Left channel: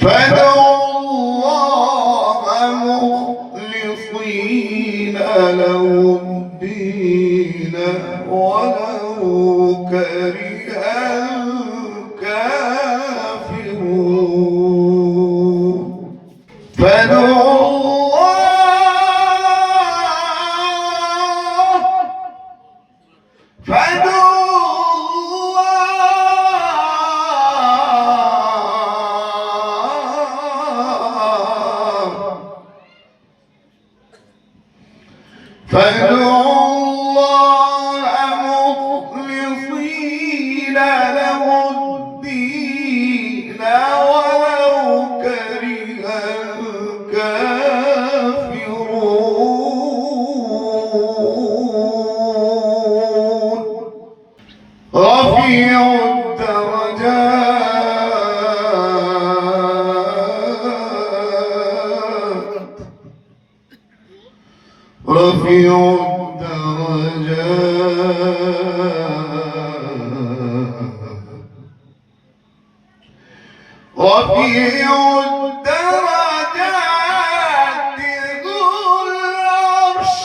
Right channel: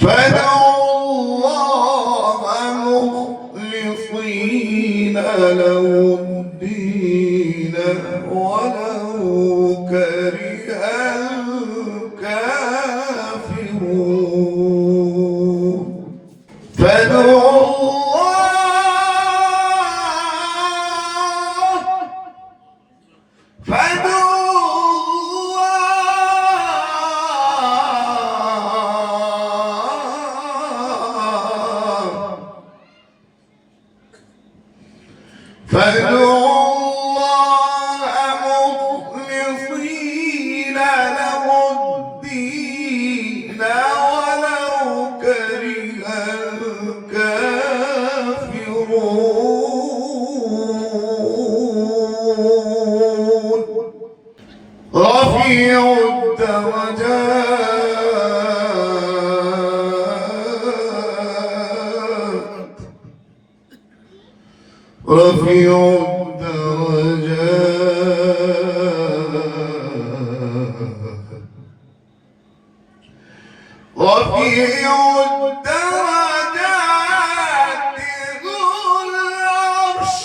فادعوا الله مخلصين له الدين ولو كره الكافرون. فادعوا فادعوا الله مخلصين له الدين ولو كره الكافرون. رفيع الدرجات رفيع الدرجات رفيع الدرجات ذو العرش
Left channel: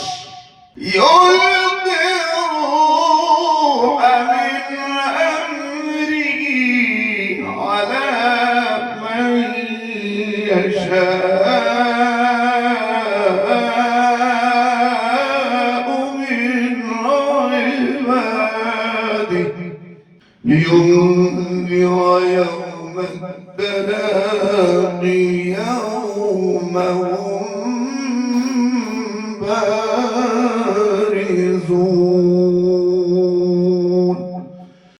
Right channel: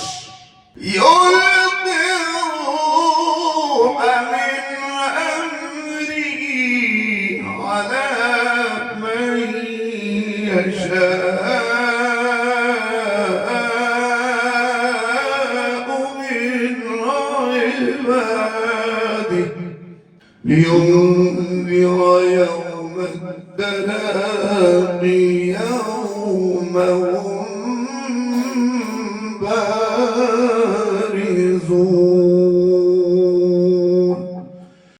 يلقي الروح من أمره على من يشاء لينذر يوم التلاق يوم هم بارزون.